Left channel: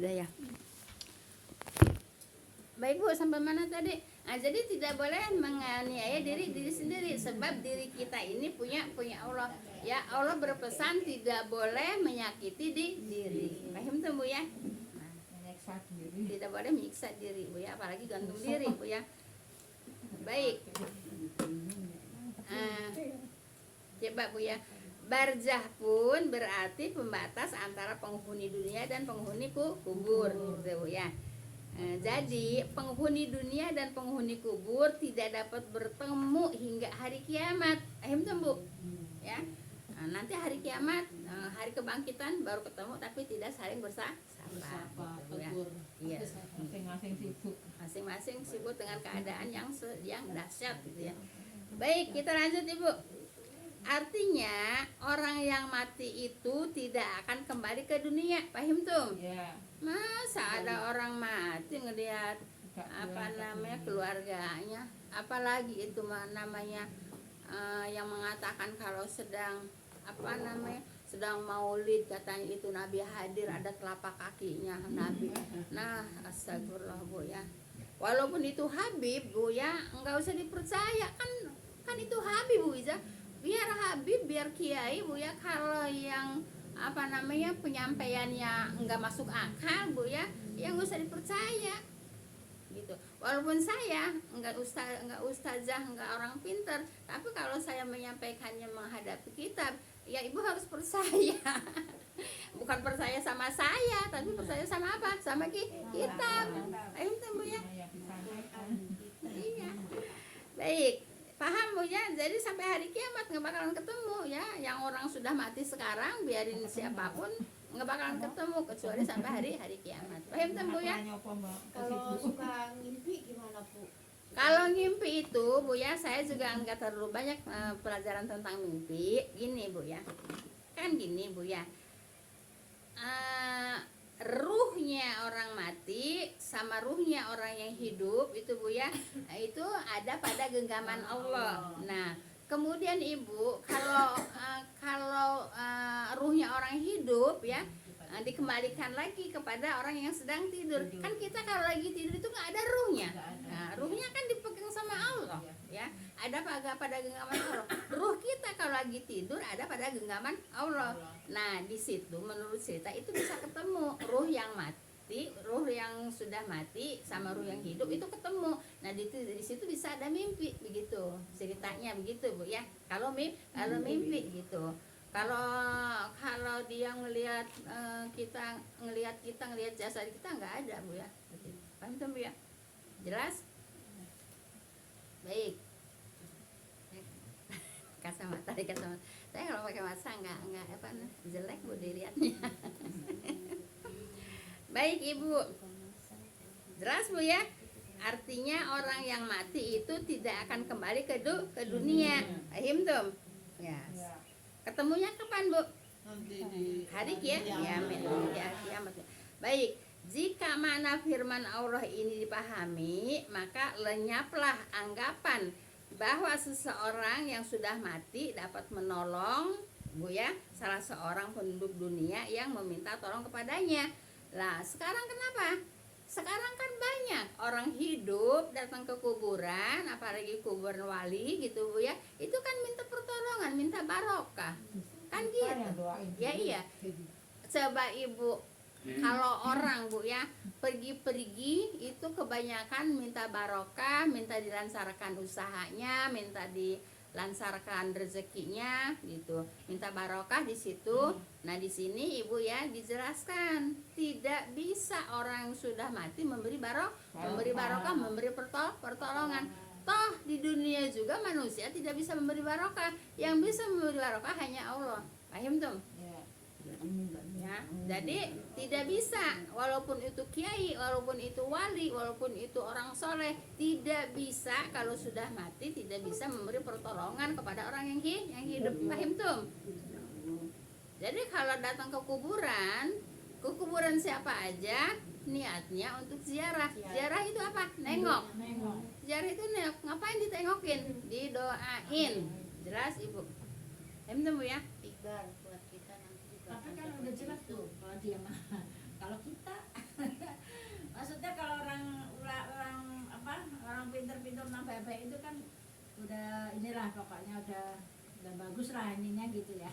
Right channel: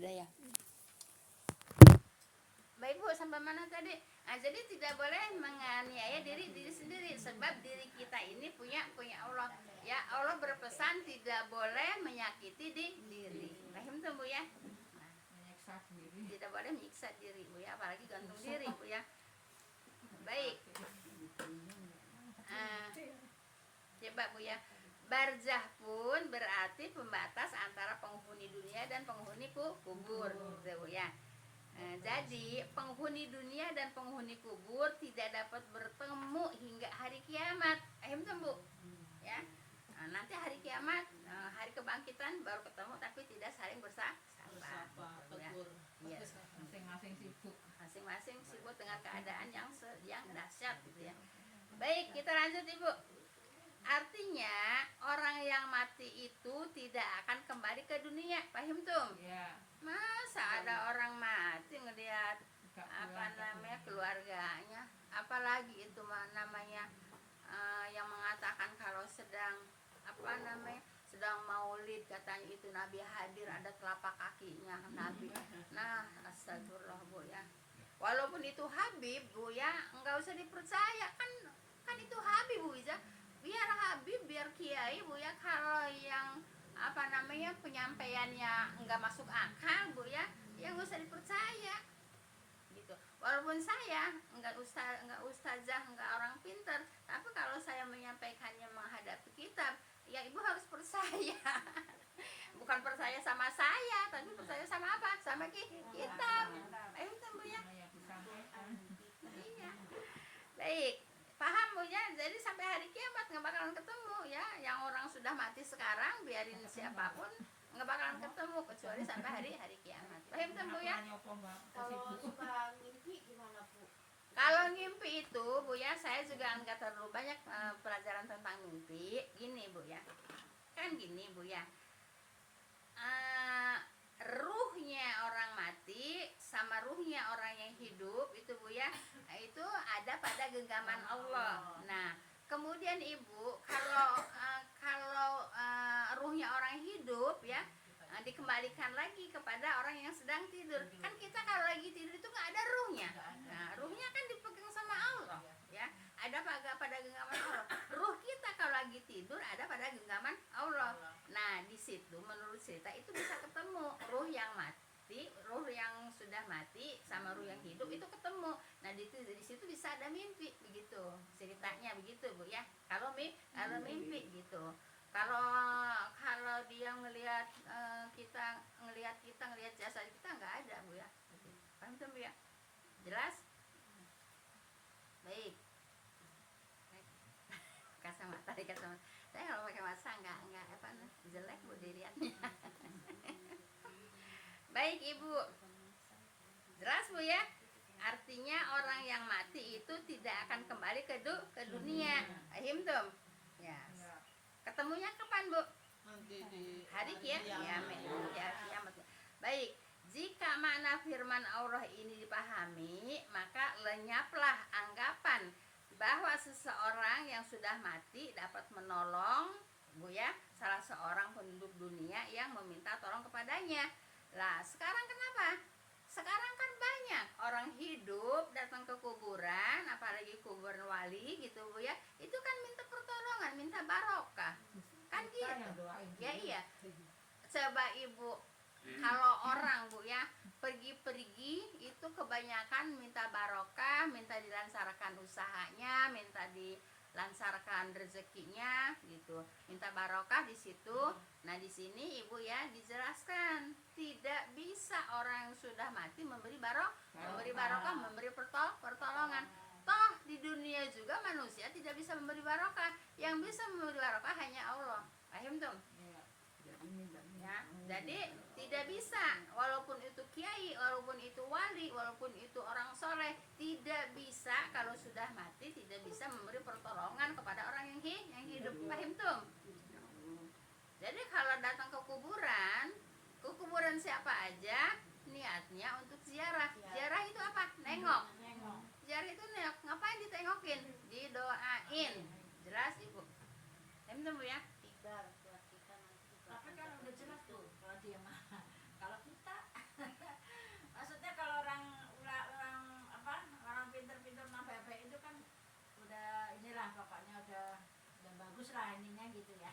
Udah ya. Baik Bu, sampai mana tadi? Nah, jadi tidak boleh menganiaya diri sendiri, sebab diri kita ini punya Allah. Ya, Allah berpesan tidak boleh menyakiti diri. Paham tuh Bu ya? Tidak boleh menyiksa diri Bu ya, apalagi gantung diri Bu ya. Baik. Coba Bu ya. Barzah pun berarti pembatas antara penghuni dunia dan penghuni kubur, gitu Bu ya. Jadi penghuni dunia dan penghuni kubur tidak dapat bertemu hingga hari kiamat. Bu ya. Nanti hari kiamat, hari kebangkitan baru ketemu, tapi tidak saling bersapa ya. Iya. Masing-masing sibuk dengan keadaan yang dahsyat gitu ya. Baik, kita lanjut Ibu. Artinya orang yang mati itu tidak akan kembali ke dunia. Paham tuh? Ya. Masa ada orang mati ngelihat keluarganya, apalagi itu namanya yang mengatakan kalau sedang sedang maulid, katanya itu Nabi hadir, ada telapak kakinya Nabi. Nah, astagfirullah Bu ya. Walaupun itu Habib Bu ya, enggak usah dipercaya, kan itu Habib Bu Iza. Biar Habib, biar Kiai Bu ya, kalau yang penyampaiannya enggak masuk akal Bu ya, yang enggak usah dipercaya gitu. Walaupun saya enggak ustazah, enggak orang pintar, tapi kalau saya menyampaikannya menghadapi kitab, ya Ibu harus percaya. Bukan percaya sama saya, tapi percaya sama apa? Sama kitab. Ayo Bu ya. Iya. Baik. Paham Bu ya? Jadi sampai hari kiamat nggak bakalan ketemu ya. Yang orang sudah mati sekarang, biarin siapapun nggak bakalan ketemu kecuali sampai hari kiamat. Paham Bu ya? Kalau suka ngimpi gimana Bu? Kalau ngimpi itu Bu ya, saya juga nggak terlalu banyak pelajaran tentang mimpi. Gini Bu ya, kan gini Bu ya. Ruhnya orang mati sama ruhnya orang yang hidup itu Bu ya, itu ada pada genggaman Allah. Nah, kemudian Ibu kalau ruhnya orang hidup ya, dikembalikan lagi kepada orang yang sedang tidur. Kan kita kalau lagi tidur itu nggak ada ruhnya. Nah, ruhnya kan dipegang sama Allah ya, ada pada genggaman Allah. Ruh kita kalau lagi tidur ada pada genggaman Allah. Nah, di situ menurut cerita itu bisa ketemu ruh yang mati, ruh yang sudah mati sama ruh yang hidup itu ketemu. Nah, di situ bisa ada mimpi begitu. Ceritanya begitu Bu ya. Kalau mimpi gitu. Kalau dia ngelihat kita ngelihat jasad kita nggak ada Bu ya. Paham Bu ya? Jelas? Baik. Kacamata. Saya kalau pakai masa nggak jelek Bu dilihatnya. Baik Ibu. Jelas Bu ya? Artinya orang yang mati itu tidak akan kembali ke dunia. Paham tuh? Ya. Ketemunya kapan Bu? Hari kiamat. Baik. Jika makna firman Allah ini dipahami, maka lenyaplah anggapan bahwa seseorang yang sudah mati dapat menolong Bu ya, salah seorang penduduk dunia yang meminta tolong kepadanya. Lah, sekarang kenapa? Sekarang kan banyak orang hidup datang ke kuburan, apalagi kuburan wali gitu Bu ya. Itu kan minta pertolongan, minta barokah. Kan gitu. Ya iya. Coba Ibu, kalau orang Bu ya pergi itu kebanyakan minta barokah, minta dilancarkan usahanya, minta dilancarkan rezekinya gitu, minta barokah di situ. Nah, di sini Ibu ya dijelaskan tidak bisa orang yang sudah mati memberi barokah, memberi pertolongan. Toh di dunia juga manusia tidak bisa memberi barokah, yang bisa memberi barokah hanya Allah. Paham tuh? Ya, jadi tidak bisa, walaupun itu kiai, walaupun itu wali, walaupun itu orang soleh, tidak bisa kalau sudah mati tidak bisa memberi pertolongan kepada orang yang hidup. Paham tuh? Jadi kalau datang ke kuburan siapa aja niatnya untuk ziarah. Ziarah itu apa? Nengok. Ziarah itu nengok. Ngapain ditengokin? Didoain. Jelas Ibu? Paham tuh Bu ya? Iqbal buat kita nanti juga. Tapi kan udah jelas tuh kalau dia mah. Kalau kita udah inilah pokoknya udah bagus lah ininya gitu ya.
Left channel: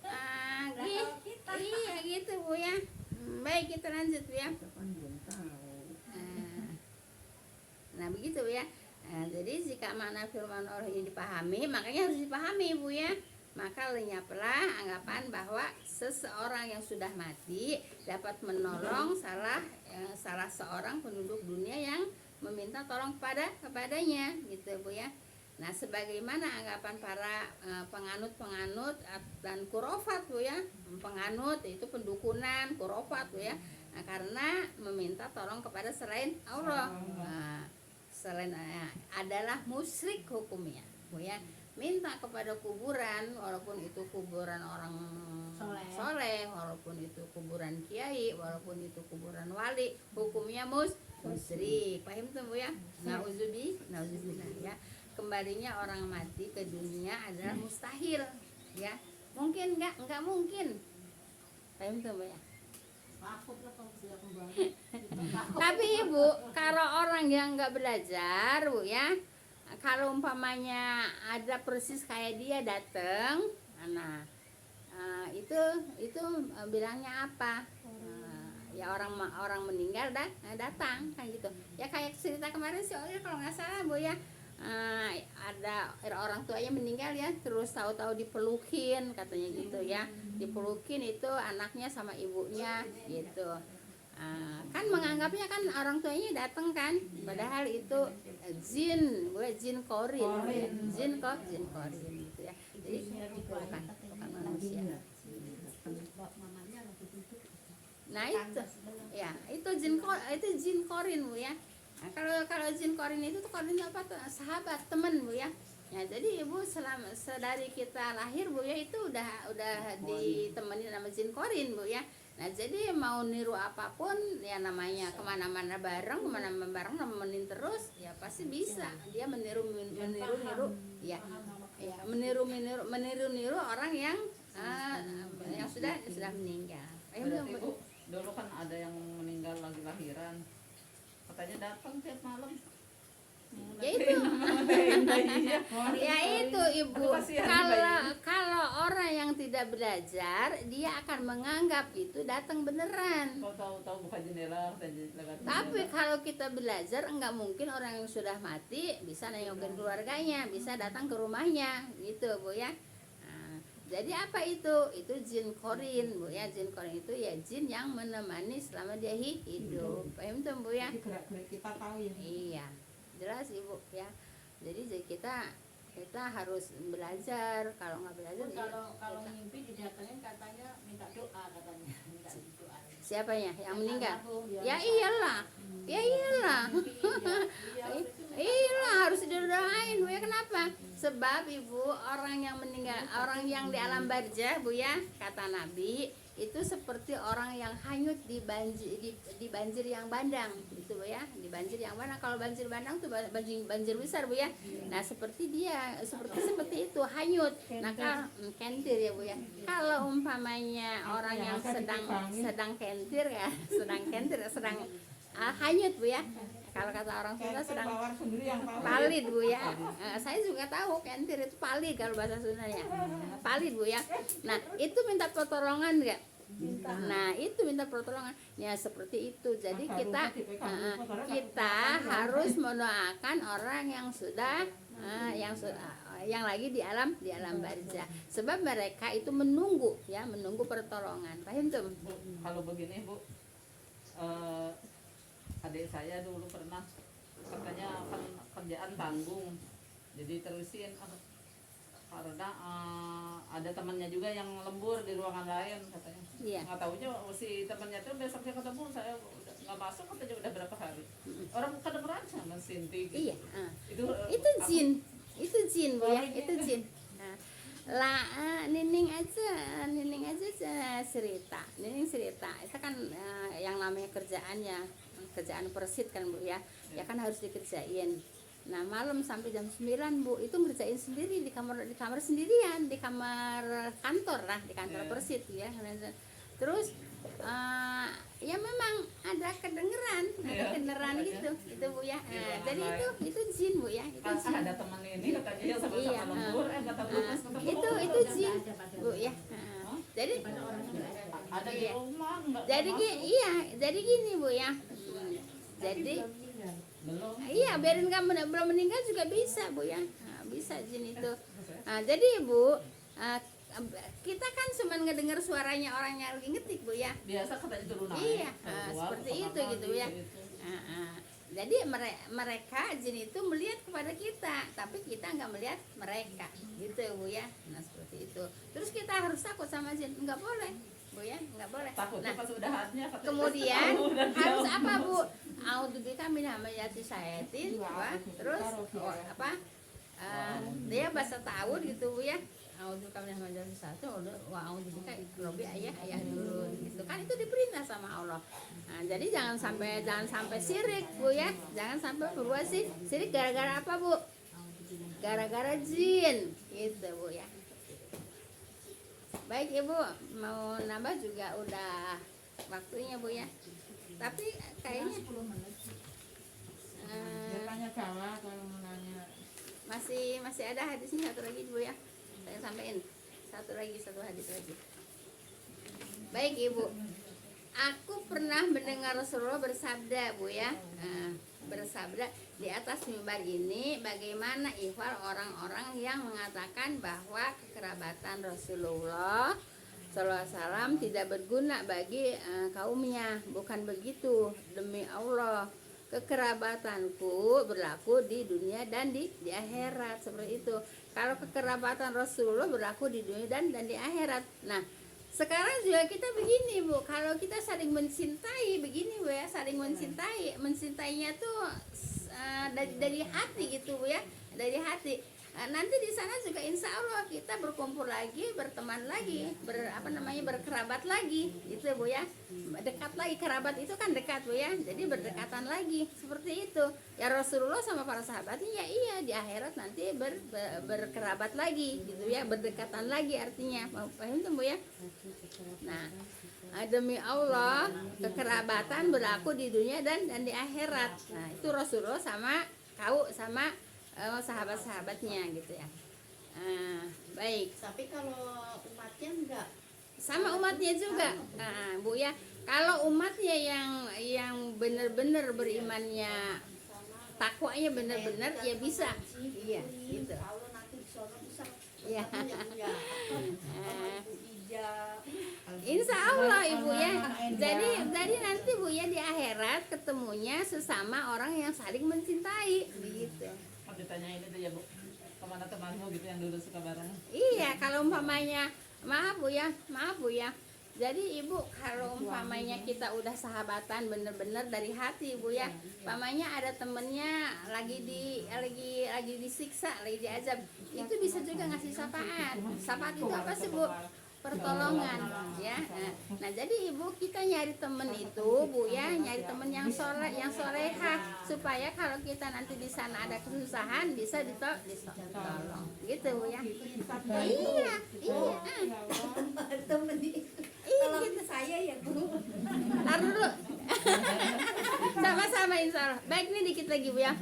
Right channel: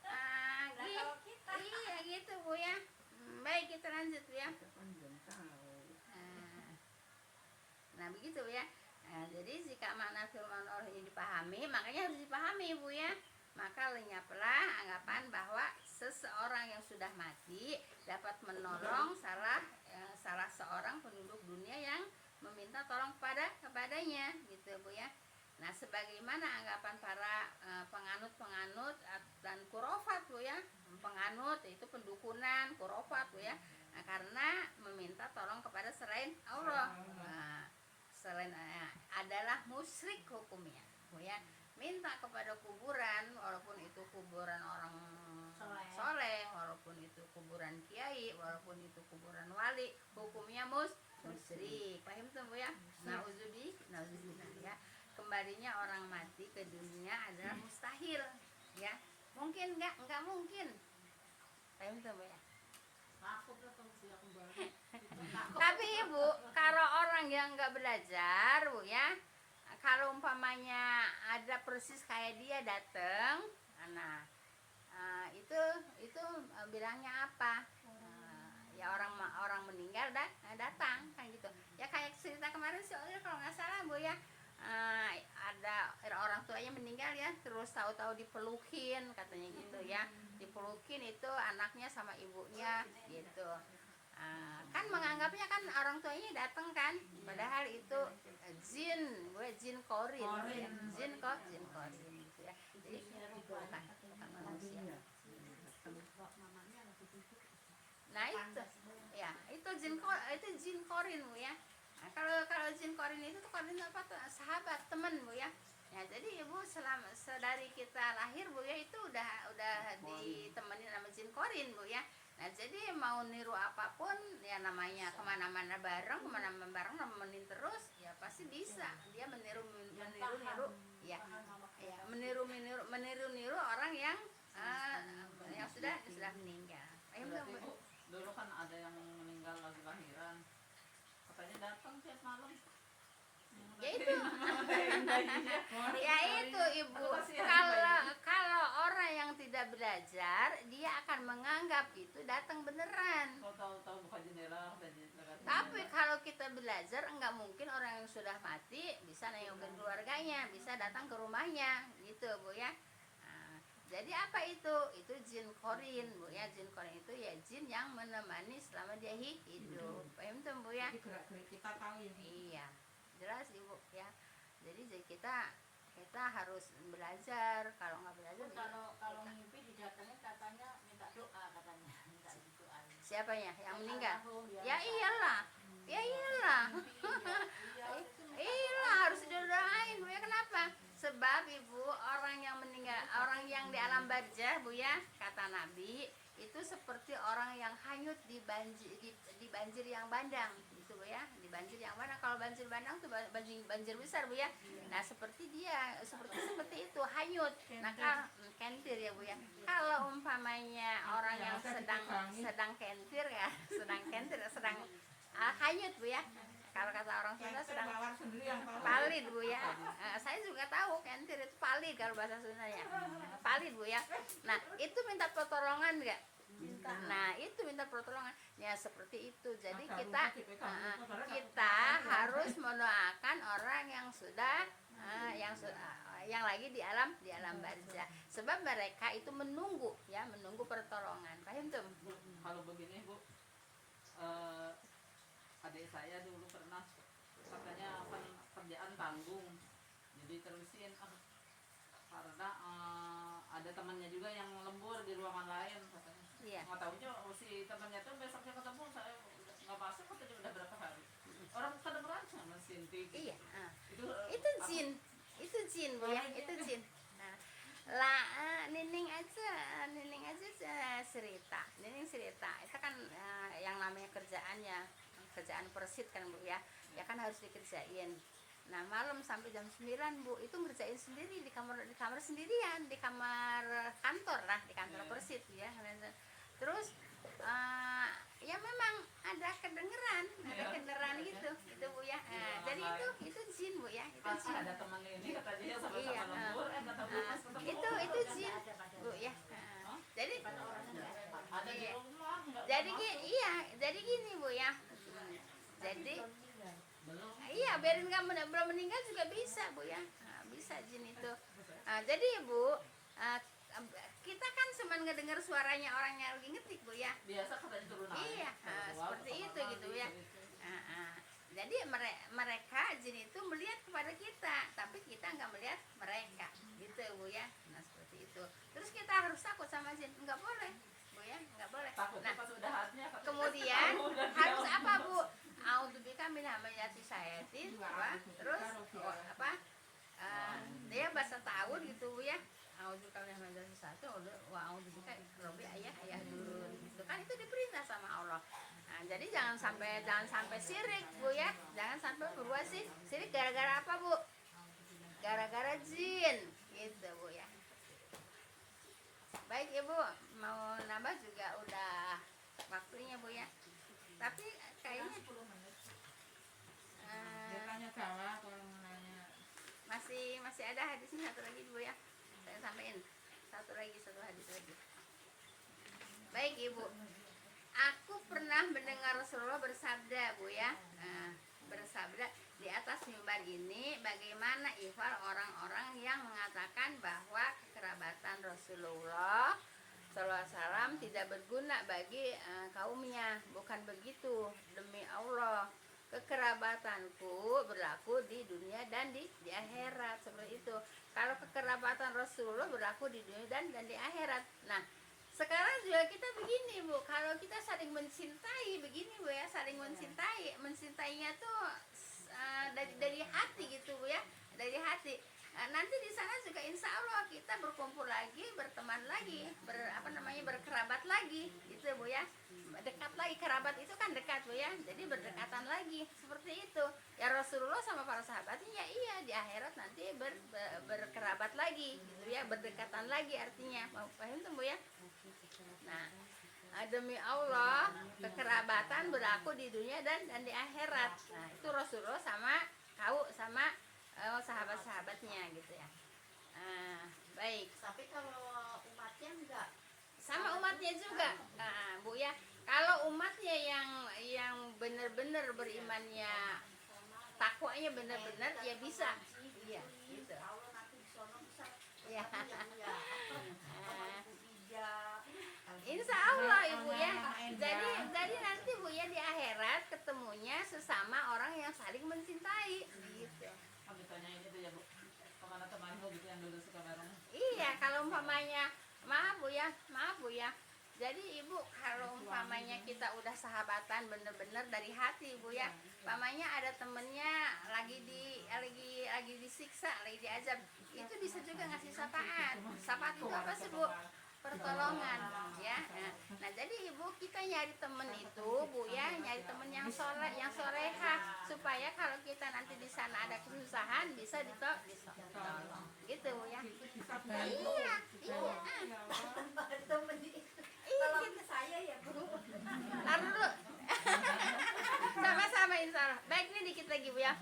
Ah, Nah, kalau kita iya gitu Bu ya. Baik, kita lanjut Bu ya. Kan belum tahu. Nah begitu Bu ya. Nah, jadi jika makna firman Allah ini dipahami, makanya harus dipahami Bu ya. Maka lenyaplah anggapan bahwa seseorang yang sudah mati dapat menolong salah seorang penduduk dunia yang meminta tolong kepadanya gitu Bu ya. Nah sebagaimana anggapan para penganut dan kurofat Bu ya. Penganut itu pendukunan, kurofat Bu ya. Nah, karena meminta tolong kepada selain Allah. Nah, selain adalah musyrik hukumnya Bu ya. Minta kepada kuburan, walaupun itu kuburan orang soleh, walaupun itu kuburan kiai, walaupun itu kuburan wali, hukumnya musyrik. Paham tuh Bu ya? Nauzubillah ya. Kembalinya orang mati ke dunia adalah mustahil ya. Mungkin enggak mungkin. Paham tuh Bu ya? takut lah kalau dia kembali. Tapi Ibu, kalau orang yang nggak belajar Bu ya, kalau umpamanya ada persis kayak dia datang, nah itu bilangnya apa? Ya orang meninggal datang kan gitu. Ya kayak cerita kemarin sih kalau nggak salah Bu ya, ada orang tuanya meninggal ya, terus tahu-tahu dipelukin katanya gitu ya, dipelukin itu anaknya sama ibunya gitu. Kan menganggapnya kan orang tuanya datang kan, padahal itu jin korin gitu ya. Jadi bukan manusia. Nah itu jin korin Bu ya. Nah, kalau jin korin itu tuh korin apa tuh? Sahabat, teman Bu ya. Nah jadi Ibu sedari kita lahir Bu ya, itu udah ditemani sama jin korin Bu ya. Nah jadi mau niru apapun ya, namanya kemana-mana bareng nemenin terus ya pasti bisa dia meniru ya meniru orang yang sudah meninggal. Ibu, dulu kan ada yang meninggal lagi lahiran, katanya datang tiap malam. Ya itu ya itu Ibu, Aduh, kasihan kalau orang yang tidak belajar dia akan menganggap itu datang beneran. Tahu buka jendela, Tapi kalau kita belajar, enggak mungkin orang yang sudah mati bisa nengokin keluarganya, bisa datang ke rumahnya gitu Bu ya. Nah, jadi apa itu? Itu jin korin Bu ya. Jin korin itu ya jin yang menemani selama dia hidup. Paham tuh Bu ya? kita tahu ya. Iya, jelas Ibu ya. Jadi kita harus belajar. Kalau nggak belajar Kalau mimpi didatengin katanya minta doa katanya, minta doa. siapanya yang meninggal? Ya, Ya iyalah. Iyalah harus didoain Bu ya. Kenapa? Sebab Ibu, orang yang meninggal, orang yang di alam barzah Bu ya, kata Nabi itu seperti orang yang hanyut di banjir yang bandang gitu Bu ya. Di banjir yang bandang, kalau banjir bandang tuh banjir besar Bu ya. Nah seperti seperti itu hanyut. Nah kalau kentir ya Bu ya. Kalau umpamanya orang yang sedang kentir ya, sedang hanyut Bu ya. Kalau kata orang Sunda sedang palid Bu ya. Saya juga tahu kentir itu palid kalau bahasa Sundanya. Palid Bu ya. Nah itu minta pertolongan enggak? Nah itu minta pertolongan ya, seperti itu. Jadi kita harus mendoakan orang yang sudah yang lagi di alam barzah, sebab mereka itu menunggu pertolongan. Paham tuh? Kalau begini Bu, adik saya dulu pernah katanya kan kerjaan tanggung, jadi terusin karena ada temannya juga yang lembur di ruangan lain katanya. Iya. Nggak taunya si temannya tuh besoknya ketemu, saya nggak masuk katanya udah berapa hari. Orang kedengeran sama Sinti gitu. Iya. Itu Itu jin Bu ya. Itu jin. Nah, Nining aja cerita. Nining cerita. Itu kan yang namanya kerjaan persit kan Bu ya. Ya kan harus dikerjain. Nah malam sampai jam 9 Bu itu ngerjain sendiri di kamar sendirian, di kamar kantor lah, di kantor persit ya. Terus ya memang ada ada kedengeran, ada Iya, kedengeran makanya. gitu, itu Bu ya. Iya, Nah, jadi makanya. itu jin Bu ya, itu Pas jin. ada temen ini kata dia sama-sama Iya, lembur, datang dulu pas ketemu. Itu jin Bu ya. Jadi Ada di Iya. rumah nggak jadi masuk. iya, jadi gini Bu ya. Jadi Belum. iya, biarin kamu belum meninggal juga bisa Bu ya. Nah, bisa jin itu. Nah, jadi Bu, kita kan cuma ngedengar suaranya orang yang lagi ngetik Bu ya. Biasa katanya turun naik. Iya, keluar, seperti kamar itu gitu mandi, ya. gitu. Jadi mereka jin itu melihat kepada kita, tapi kita nggak melihat mereka, gitu Bu ya. Nah seperti itu. Terus kita harus takut sama jin? Nggak boleh Bu ya, nggak boleh. Takutnya Nah pas udah hatnya katanya, kemudian udah harus diam. apa Bu? A'udzubika min hamazati syaitin, apa? Terus apa? Dia bahasa ta'awud gitu Bu ya. A'udzubika min hamazati syaitin wa a'udzubika robi ayah dulu gitu kan, itu diperintah sama Allah. Nah, jadi jangan sampai sirik Bu ya. Jangan sampai berbuat sirik gara-gara apa Bu? Gara-gara jin gitu Bu ya. Baik Ibu, mau nambah juga udah waktunya Bu ya. Tapi kayaknya Tanya salah kalau mau nanya. masih ada hadisnya satu lagi Bu ya. Saya sampaikan satu hadis lagi. Baik Ibu, aku pernah mendengar Rasulullah bersabda Bu ya. Bersabda di atas mimbar ini, bagaimana ihwal orang-orang yang mengatakan bahwa kekerabatan Rasulullah Sallallahu Alaihi Wasallam tidak berguna bagi kaumnya. Bukan begitu, demi Allah, kekerabatanku berlaku di dunia dan di akhirat, seperti itu. Kalau kekerabatan Rasulullah berlaku di dunia dan di akhirat. Nah, sekarang juga kita begini Bu, kalau kita saling mencintai begini Bu ya, saling mencintainya tuh dari hati gitu Bu ya, dari hati. Nanti di sana juga insya Allah kita berkumpul lagi, berteman lagi, berkerabat lagi, gitu Bu ya, dekat lagi. Kerabat itu kan dekat Bu ya, jadi berdekatan lagi seperti itu. Ya Rasulullah sama para sahabatnya ya iya di akhirat nanti berkerabat lagi, gitu ya, berdekatan lagi artinya. Paham tuh Bu ya? Nah, demi Allah kekerabatan berlaku di dunia dan di akhirat. Nah itu Rasulullah sama sahabat-sahabatnya gitu ya. Baik, Tapi kalau umatnya enggak. sama umatnya juga. Bu ya, kalau umatnya yang benar-benar berimannya, takwanya benar-benar ya bisa. Iya, gitu. Kalau nanti di sono bisa. Iya. Punya Ibu Ija. Insya Allah Ibu ya. Jadi nanti Bu ya di akhirat ketemunya sesama orang yang saling mencintai, begitu. Kan ditanyain itu ya Bu, kemana temanmu gitu yang dulu suka bareng. Iya, kalau umpamanya maaf Bu ya. Jadi Ibu kalau umpamanya kita udah sahabatan bener-bener dari hati Bu ya. Umpamanya ada temennya lagi disiksa, lagi diazab, itu bisa juga ngasih syafaat. Syafaat itu apa sih Bu? Pertolongan ya. Nah jadi Ibu kita nyari temen itu Bu ya, nyari temen yang solehah, supaya kalau kita nanti di sana ada kesusahan bisa ditolong gitu Bu ya. Iya. Temen itu. Iya Kalau gitu. saya ya Bu. Taruh dulu. Sama-sama insya Allah. Baik, ini dikit lagi Bu ya.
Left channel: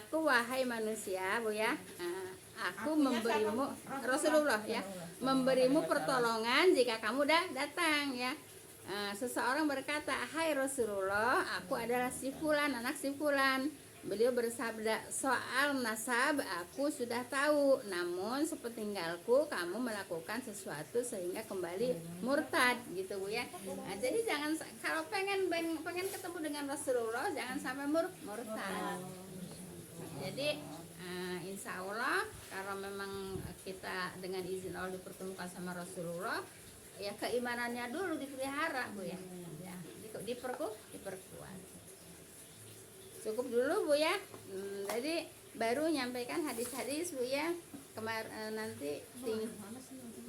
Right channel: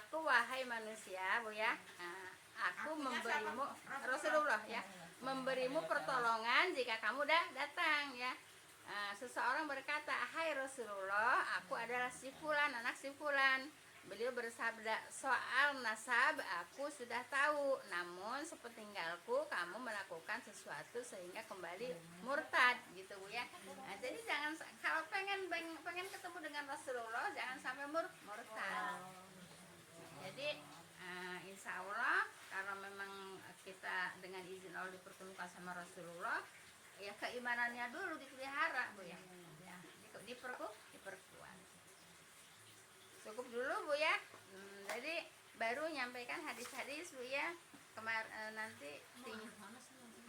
Aku wahai manusia Bu ya, aku memberimu, Rasulullah ya, memberimu pertolongan jika kamu datang ya. Seseorang berkata, hai Rasulullah, aku adalah si fulan, anak si fulan. Beliau bersabda, soal nasab aku sudah tahu, namun sepeninggalku kamu melakukan sesuatu sehingga kembali murtad gitu Bu ya. Jadi jangan, kalau pengen ketemu dengan Rasulullah jangan sampai murtad. Jadi insya Allah kalau memang kita dengan izin Allah dipertemukan sama Rasulullah, ya keimanannya dulu dipelihara Bu ya, diperkuat. Cukup dulu Bu ya. Jadi baru nyampaikan hadis-hadis Bu ya. Nanti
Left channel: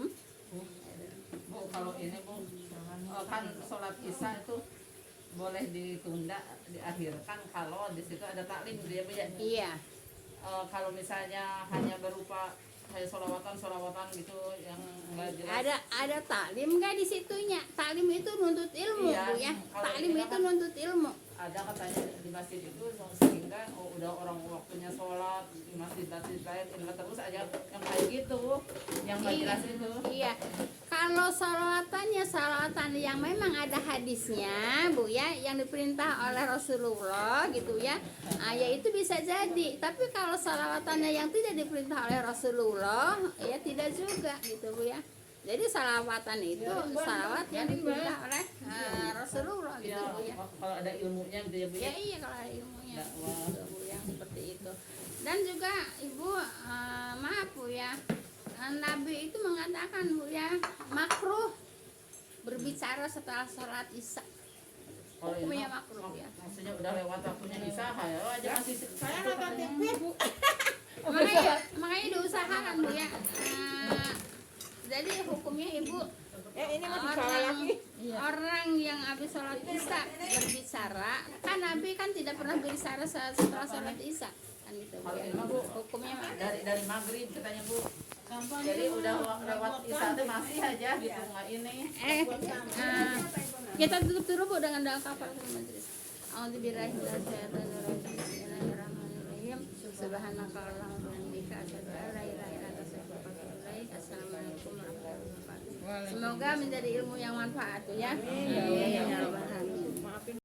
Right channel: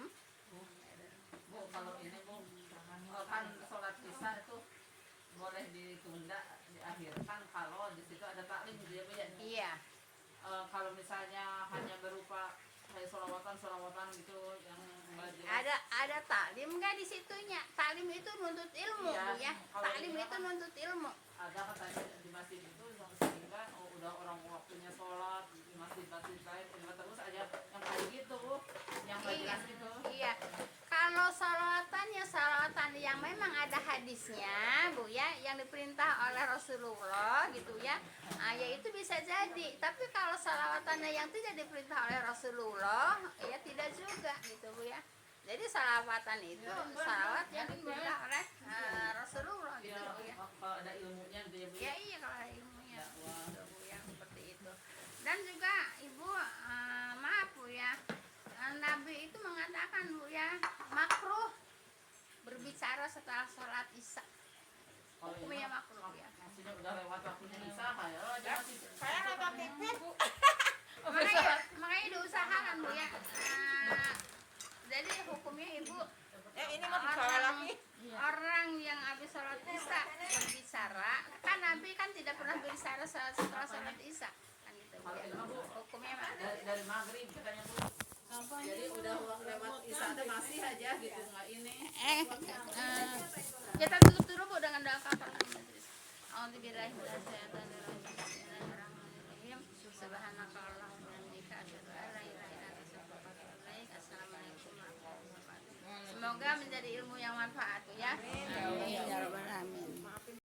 Bu, kalau ini Bu, kan sholat isya itu boleh ditunda, diakhirkan kalau di situ ada taklim gitu ya Bu ya. iya. Kalau misalnya hanya berupa kayak solawatan gitu yang enggak jelas. Ada taklim nggak di situnya? Taklim itu nuntut ilmu Iya, Bu ya. kalau taklim itu nuntut ilmu. ada katanya di masjid itu sering kan udah orang waktunya sholat di masjid-masjid lain ini terus aja yang kayak gitu yang nggak jelas itu. Iya. Kalau salawatan yang memang ada hadisnya, Bu ya, yang diperintah oleh Rasulullah gitu ya. Ya itu bisa jadi. Tapi kalau salawatannya yang tidak diperintah oleh Rasulullah, ya tidak juga gitu, Bu ya. Jadi salawatan itu salawat yang diperintah oleh Rasulullah gitu, Ya, Bu ya. kalau ada ilmunya gitu ya Bu. Ya iya kalau ada ilmunya Dakwah. gitu, Bu ya, seperti itu. Dan juga Ibu maaf Bu ya, Nabi itu mengatakan Bu ya, makruh berbicara setelah sholat isya. Kalau ini Hukumnya mah, makruh ya. maksudnya udah lewat waktunya isya ya aja masih Saya nonton TV. Makanya diusahakan Bu ya. Jadi hukumnya Ibu Ini mau dibawa lagi. orang yang habis sholat isya berbicara, kan Nabi kan tidak pernah berbicara setelah sholat isya kan itu Bu Kalau ya. ini mah Bu Hukumnya mah dari maghrib katanya Bu. Jadi udah lewat isya teh masih aja gitu nggak ini. kita tutup dulu Bu dengan doa kafaratul majlis. A'udzubillahi minasyaitonirrajim. Bismillahirrahmanirrahim. Subhanaka Allahumma wa bihamdika asyhadu an la ilaha illa anta astaghfiruka wa atubu ilaik. Assalamualaikum warahmatullahi wabarakatuh. Semoga menjadi ilmu yang manfaat tuh ya. Amin ya rabbal